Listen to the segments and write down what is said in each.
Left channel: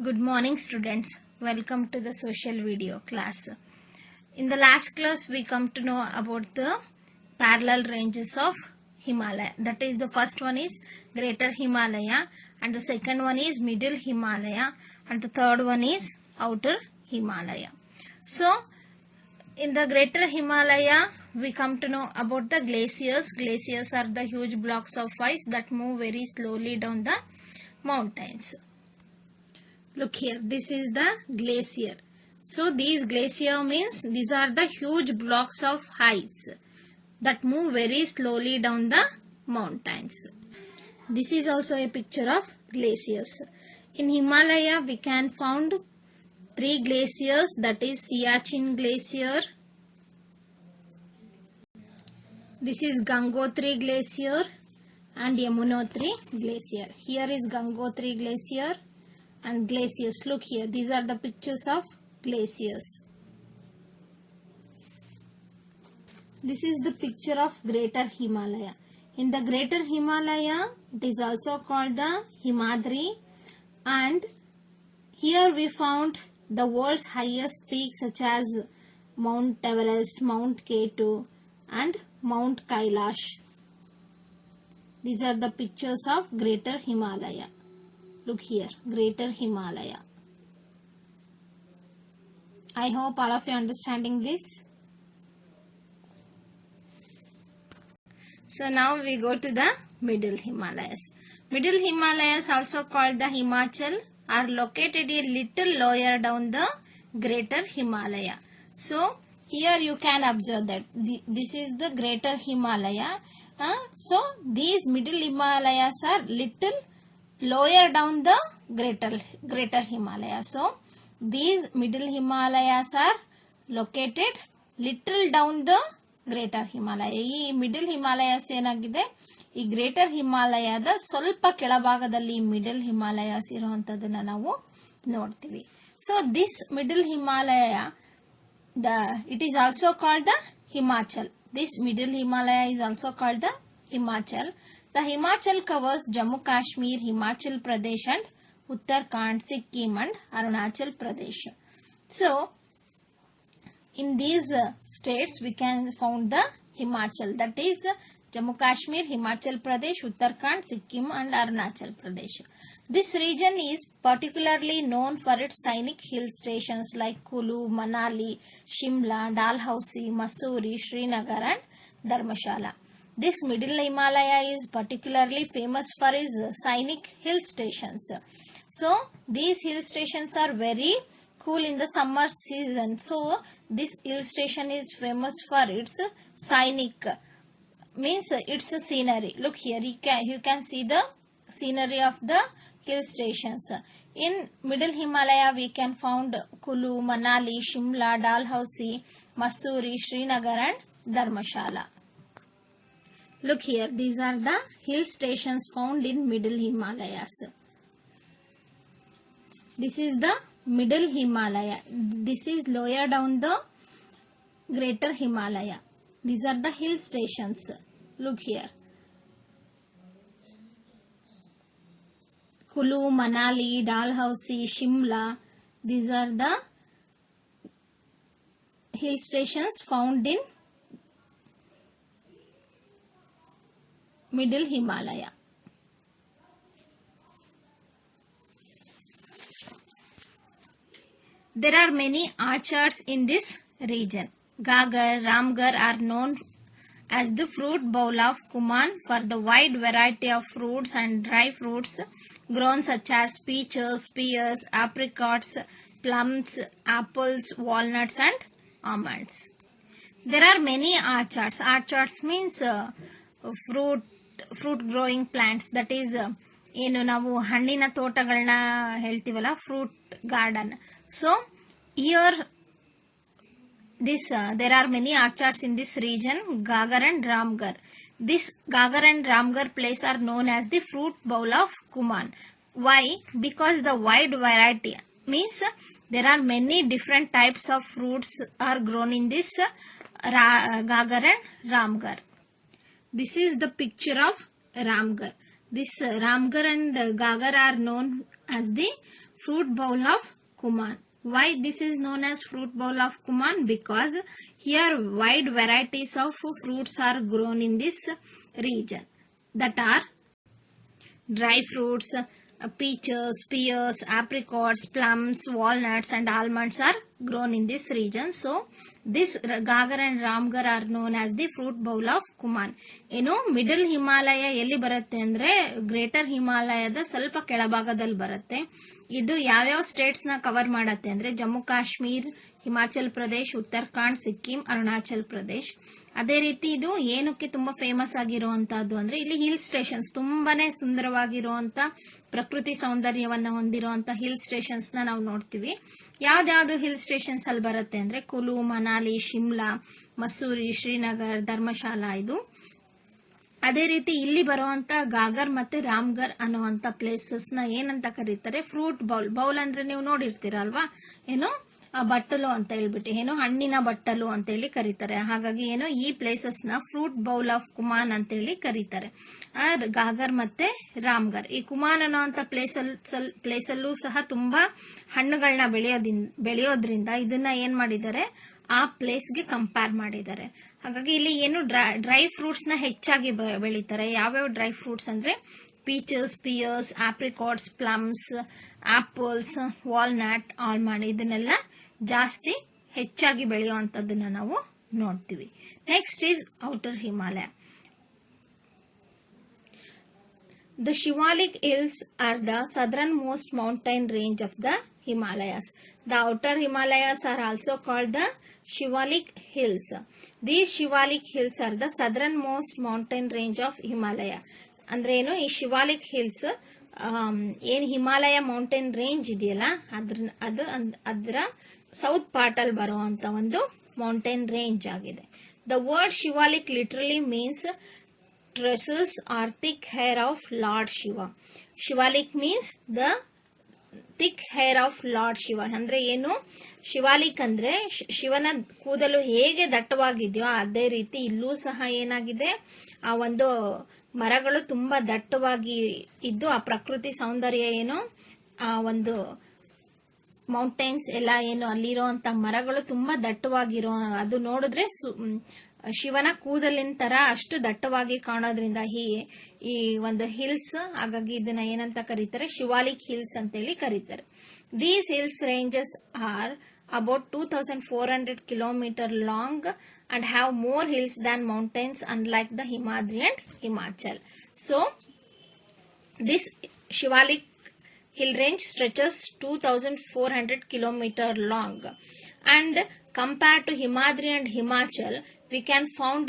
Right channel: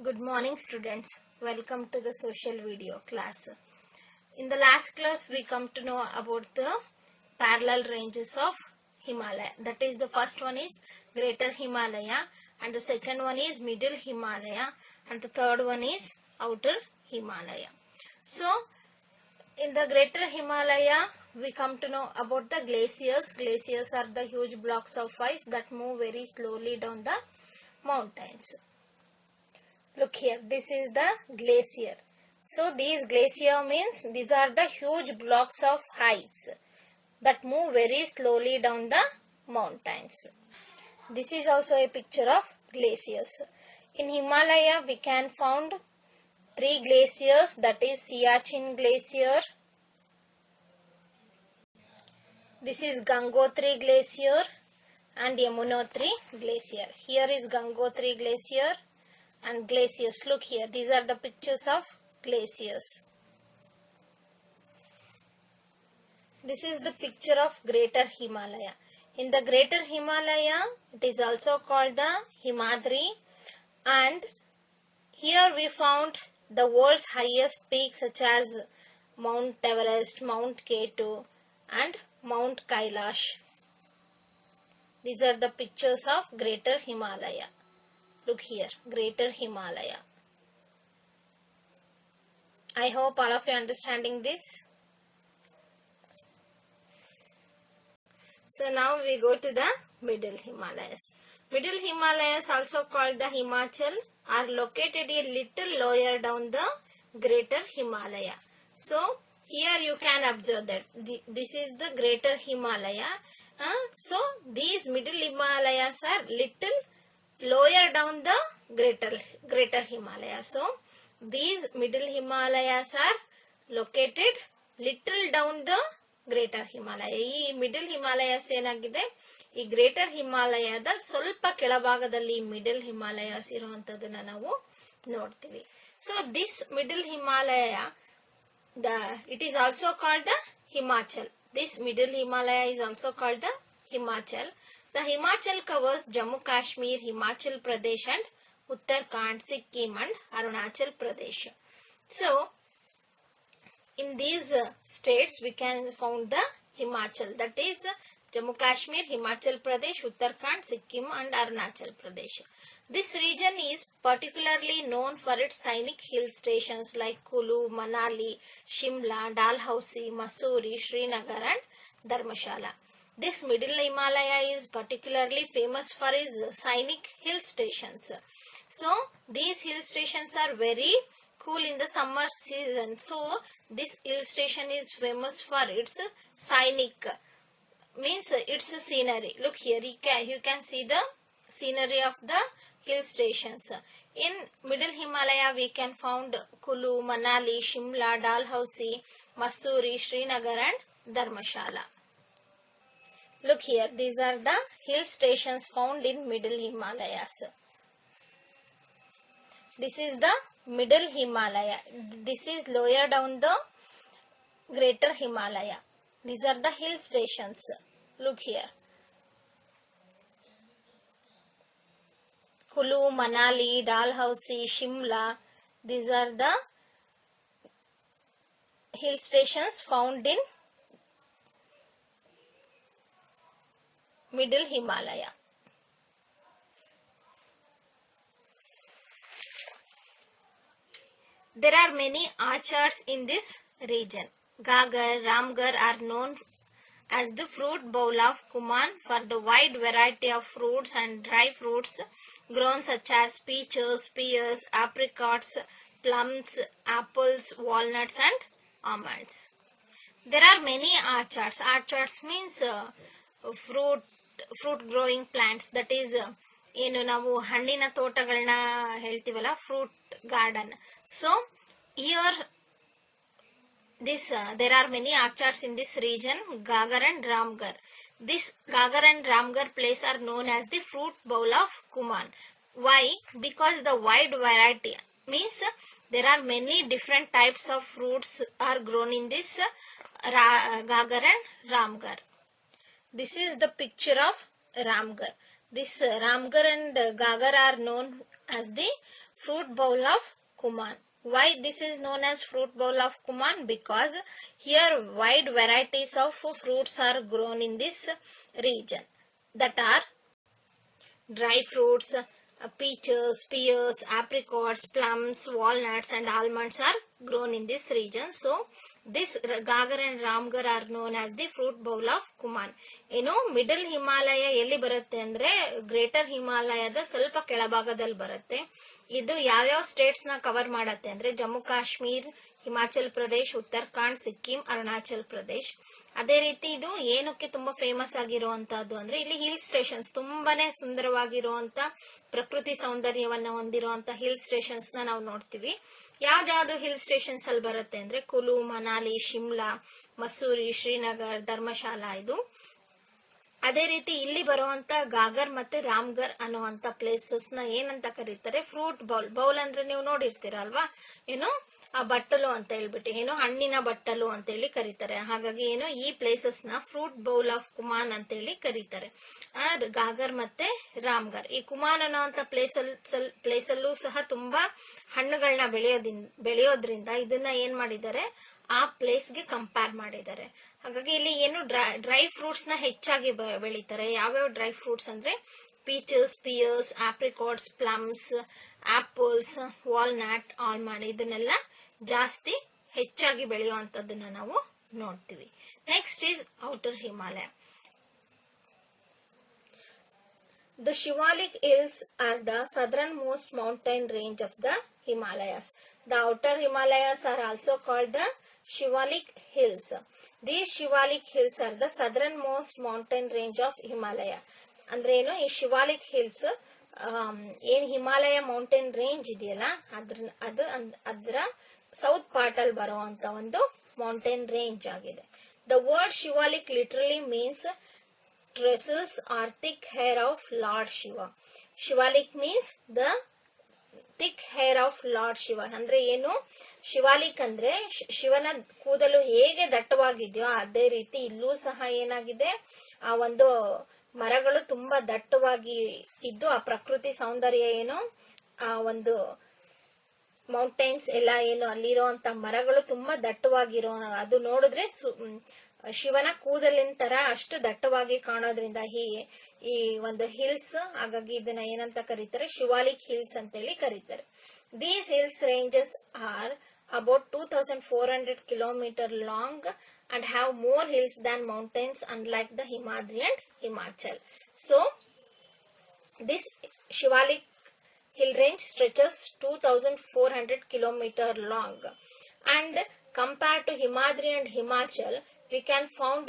Good morning students. Welcome to the social video class. In the last class we come to know about the parallel ranges of Himalaya. That is, the first one is Greater Himalaya and the second one is Middle Himalaya and the third one is Outer Himalaya. So in the Greater Himalaya we come to know about the glaciers. Glaciers are the huge blocks of ice that move very slowly down the mountains. Look here, this is the glacier. So these glacier means these are the huge blocks of ice that move very slowly down the mountains. This is also a picture of glaciers. In Himalaya we can find three glaciers, that is Siachen Glacier. This is Gangotri Glacier and Yamunotri Glacier. Here is Gangotri Glacier and glaciers. Look here, these are the pictures of glaciers. This is the picture of Greater Himalaya. In the Greater Himalaya, it is also called the Himadri, and here we found the world's highest peaks such as Mount Everest, Mount K2 and Mount Kailash. These are the pictures of Greater Himalaya. Look here, Greater Himalaya. I hope all of you are understanding this. So now we go to the Middle Himalayas. Middle Himalayas, also called the Himachal, are located a little lower down the Greater Himalaya. So here you can observe that this is the Greater Himalaya. So these Middle Himalayas are little lower down the Greater Himalaya. So these Middle Himalayas are located little down the Greater Himalaya. ಈ middle Himalayas ಏನಾಗಿದೆ, ಈ greater ಹಿಮಾಲಯದ ಸ್ವಲ್ಪ ಕೆಳಭಾಗದಲ್ಲಿ middle Himalayas ಇರುವಂತದನ್ನ ನಾವು ನೋಡ್ತೀವಿ. So this middle Himalaya, it is also called the Himachal. This Middle Himalaya is also called the Himachal. The Himachal covers Jammu Kashmir, Himachal Pradesh and Uttarakhand, Sikkim and Arunachal Pradesh. So in these states we can find the Himachal, that is Jammu Kashmir, Himachal Pradesh, Uttarakhand, Sikkim and Arunachal Pradesh. This region is particularly known for its scenic hill stations like Kulu, Manali, Shimla, Dalhousie, Mussoorie, Srinagar and Dharmshala. This Middle Himalaya is particularly famous for its scenic hill stations. So these hill stations are very cool in the summer season. So this hill station is famous for its scenic, means its scenery. Look here, you can see the scenery of the hill stations. In Middle Himalaya we can find Kulu, Manali, Shimla, Dalhousie, Mussoorie, Srinagar and Dharmshala. Look here, these are the hill stations found in Middle Himalayas. This is the Middle Himalaya. This is lower down the Greater Himalaya. These are the hill stations. Look here. Kulu, Manali, Dalhousie, Shimla. These are the hill stations found in Middle Himalaya. There are many orchards in this region. Gagar, Ramgarh are known as the fruit bowl of Kumaon for the wide variety of fruits and dry fruits grown such as peaches, pears, apricots, plums, apples, walnuts and almonds. There are many orchards. Orchards means fruit growing plants. That is, ಏನು ನಾವು ಹಣ್ಣಿನ ತೋಟಗಳನ್ನ ಹೇಳ್ತೀವಲ್ಲ, fruit garden. So here there are many orchards in this region, Gagar and Ramgarh. This Gagar and Ramgarh place are known as the fruit bowl of Kumaon. Why? Because the wide variety, means there are many different types of fruits are grown in this Gagar and Ramgarh. This is the picture of Ramgarh. This Ramgarh and Gagar are known as the fruit bowl of Kuman. Why this is known as fruit bowl of Kuman? Because here wide varieties of fruits are grown in this region, that are dry fruits, peaches, pears, apricots, plums, walnuts and almonds are grown in this region. So this Gagar and Ramgarh are known as the fruit bowl of Kuman. Middle Himalaya ಎಲ್ಲಿ ಬರುತ್ತೆ ಅಂದ್ರೆ greater ಹಿಮಾಲಯದ ಸ್ವಲ್ಪ ಕೆಳಭಾಗದಲ್ಲಿ ಬರುತ್ತೆ. ಇದು ಯಾವ್ಯಾವ States ನ ಕವರ್ ಮಾಡತ್ತೆ ಅಂದ್ರೆ ಜಮ್ಮು ಕಾಶ್ಮೀರ್, ಹಿಮಾಚಲ್ ಪ್ರದೇಶ್, ಉತ್ತರಾಖಂಡ್, ಸಿಕ್ಕಿಂ, ಅರುಣಾಚಲ್ ಪ್ರದೇಶ್. ಅದೇ ರೀತಿ ಇದು ಏನಕ್ಕೆ ತುಂಬಾ ಫೇಮಸ್ ಆಗಿರುವಂತಹದ್ದು ಅಂದ್ರೆ ಇಲ್ಲಿ ಹಿಲ್ ಸ್ಟೇಷನ್ಸ್, ತುಂಬಾನೇ ಸುಂದರವಾಗಿರುವಂತ ಪ್ರಕೃತಿ ಸೌಂದರ್ಯವನ್ನ ಹೊಂದಿರುವಂತ ಹಿಲ್ ಸ್ಟೇಷನ್ಸ್ ನ ನಾವು ನೋಡ್ತೀವಿ. ಯಾವ್ದಾವ್ದು ಹಿಲ್ ಸ್ಟೇಷನ್ಸ್ ಅಲ್ಲಿ ಬರುತ್ತೆ ಅಂದ್ರೆ ಕುಲು, ಮನಾಲಿ, ಶಿಮ್ಲಾ, ಮಸೂರಿ, ಶ್ರೀನಗರ್, ಧರ್ಮಶಾಲಾ ಇದು. ಅದೇ ರೀತಿ ಇಲ್ಲಿ ಬರುವಂತ ಗಾಗರ್ ಮತ್ತೆ ರಾಮ್ಗರ್ ಅನ್ನುವಂತ ಪ್ಲೇಸಸ್ ನ ಏನಂತ ಕರೀತಾರೆ? Fruit bowl. ಬೌಲ್ ಅಂದ್ರೆ ನೀವು ನೋಡಿರ್ತೀರಲ್ವಾ, ಬಟ್ಟಲು ಅಂತ ಹೇಳ್ಬಿಟ್ಟು, ಹಣ್ಣಿನ ಬಟ್ಟಲು ಅಂತ ಹೇಳಿ ಕರೀತಾರೆ. ಹಾಗಾಗಿ ಈ ಪ್ಲೇಸಸ್ ನ ಫ್ರೂಟ್ ಬೌಲ್ ಆಫ್ ಕುಮಾನ್ ಅಂತ ಹೇಳಿ ಕರೀತಾರೆ. ಗಾಗರ್ ಮತ್ತೆ ರಾಮ್ಗರ್. ಈ ಕುಮಾನ್ ಅನ್ನೋಂತ ಪ್ಲೇಸ್ ಅಲ್ಲೂ ಸಹ ತುಂಬಾ ಹಣ್ಣುಗಳನ್ನ ಬೆಳೆಯೋದ್ರಿಂದ ಇದನ್ನ ಏನ್ ಮಾಡಿದ್ದಾರೆ, ಆ ಪ್ಲೇಸ್ಗೆ ಕಂಪೇರ್ ಮಾಡಿದ್ದಾರೆ. ಹಾಗಾಗಿ ಇಲ್ಲಿ ಡ್ರೈ ಫ್ರೂಟ್ಸ್ ನ ಹೆಚ್ಚಾಗಿ ಬೆಳೀತಾರೆ. ಯಾವ್ಯಾವ ಡ್ರೈ ಫ್ರೂಟ್ಸ್ ಅಂದ್ರೆ peaches, pears, apricots, plums, apples, walnut, almond ಇದನ್ನೆಲ್ಲ ಜಾಸ್ತಿ ಹೆಚ್ಚಾಗಿ ಬೆಳೆಯುವಂತದ್ದನ್ನ ನಾವು ನೋಡ್ತೀವಿ. Next is outer Himalaya. The Shivalik Hills are the southernmost mountain range of the Himalayas. The outer Himalayas are also called the Shivalik Hills. These Shivalik Hills are the southernmost mountain range of Himalaya. ಅಂದ್ರೆ ಈ Shivalik hills ಏನ್ Himalaya mountain range ಇದೆಯಲ್ಲ ಅದರ south part ಅಲ್ಲಿ ಬರುವಂತ ಒಂದು mountain range ಆಗಿದೆ. The word Shivalik literally means tresses or thick hair of Lord Shiva. Shivalik means the thick hair of Lord Shiva. ಅಂದ್ರೆ ಶಿವಾಲಿಕ್ ಅಂದ್ರೆ ಶಿವನ ಕೂದಲು ಹೇಗೆ ದಟ್ಟವಾಗಿದೆಯೋ ಅದೇ ರೀತಿ ಇಲ್ಲೂ ಸಹ ಏನಾಗಿದೆ, ಆ ಒಂದು ಮರಗಳು ತುಂಬಾ ದಟ್ಟವಾಗಿ ಇದ್ದು ಆ ಪ್ರಕೃತಿ ಸೌಂದರ್ಯ ಆ ಒಂದು ಮೌಂಟೈನ್ಸ್ ಎಲ್ಲ ಅಲ್ಲಿರುವಂತ ಮರಗಳು ತುಂಬಾ ದಟ್ಟವಾಗಿರೋ, ಅದು ನೋಡಿದ್ರೆ ಶಿವನ ಕೂದಲಿನ ತರ ಅಷ್ಟು ದಟ್ಟವಾಗಿ ಕಾಣೋದ್ರಿಂದ ಈ ಒಂದು ಹಿಲ್ಸ್, ಹಾಗಾಗಿ ಇದನ್ನ ಏನಂತ ಕರೀತಾರೆ, ಶಿವಾಲಿಕ್ ಹಿಲ್ಸ್ ಅಂತ ಹೇಳಿ ಕರೀತಾರೆ. These hills ranges are about 2400 km long and have more hills than mountains, unlike the Himadri and Himachal. So this Shivalik hill range stretches 2400 km long, and compared to Himadri and Himachal, we can found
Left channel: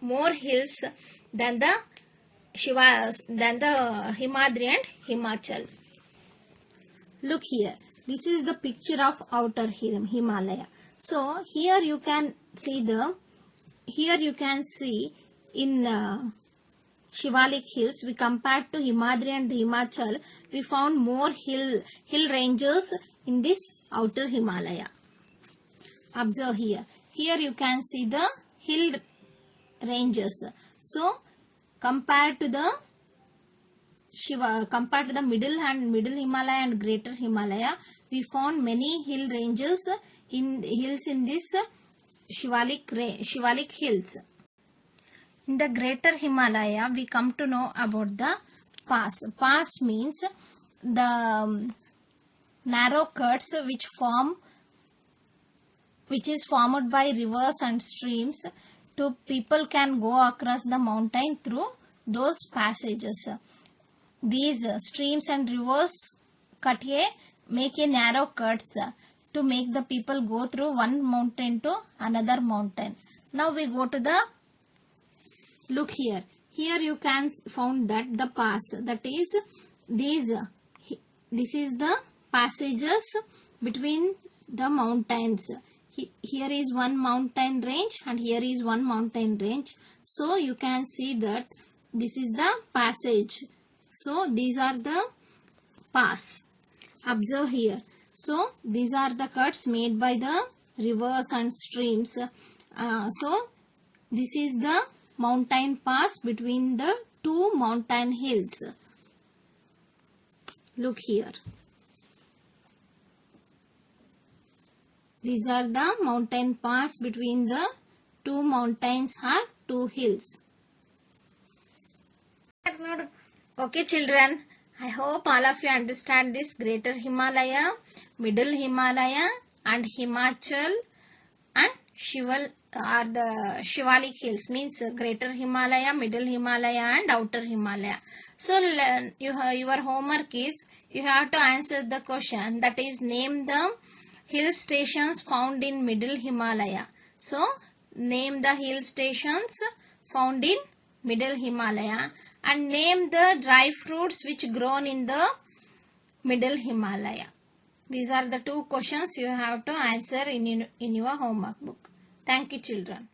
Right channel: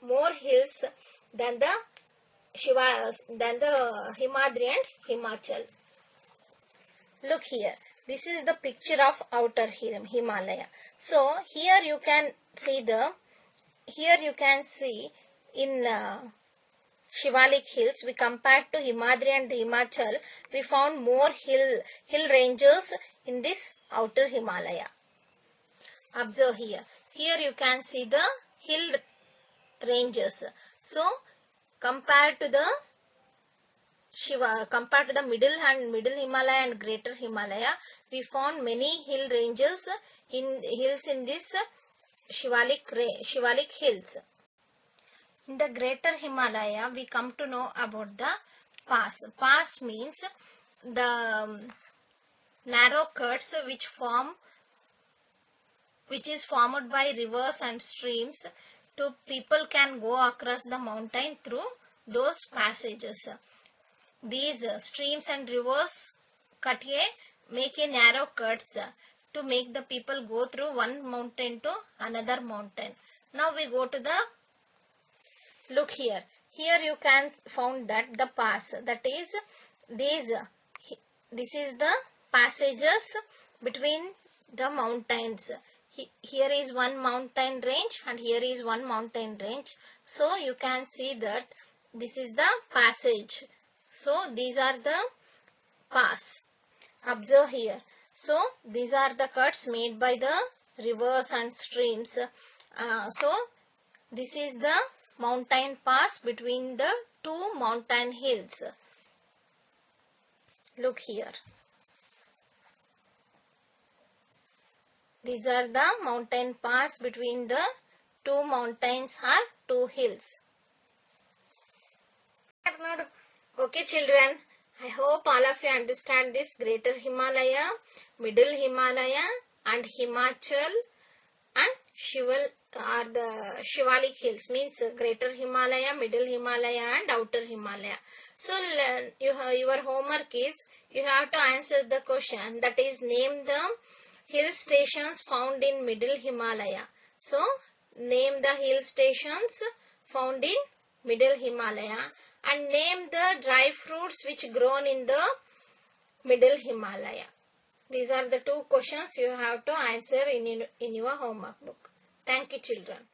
more hills than the Himadri and Himachal. Look here. This is the picture of outer Himalaya. So here you can see in Shivalik hills, we compared to Himadri and Himachal, we found more hill ranges in this outer Himalaya. Observe here. Here you can see the hill ranges. So compared to the middle Himalaya and greater Himalaya, we found many hill ranges in this Shivalik hills. In the greater Himalaya, we come to know about the pass. Pass means the narrow cuts which is formed by rivers and streams. People can go across the mountain through those passages. These streams and rivers make a narrow cuts to make the people go through one mountain to another mountain. Now we go to the, look here. Here you can found that the pass, that is this is the passages between the mountains. Here is one mountain range and here is one mountain range. So you can see that this is the passage. So these are the pass. Observe here. So these are the cuts made by the rivers and streams. So this is the mountain pass between the two mountain hills. Look here. These are the mountain pass between the two mountains or two hills. Okay children, I hope all of you understand this Greater Himalaya, Middle Himalaya and Himachal and the Shivalik Hills, means Greater Himalaya, Middle Himalaya and Outer Himalaya. So your homework is, you have to answer the question, that is, name the hill stations found in Middle Himalaya. So name the hill stations found in Middle Himalaya and name the dry fruits which grown in the Middle Himalaya. These are the two questions you have to answer in your homework book. Thank you children.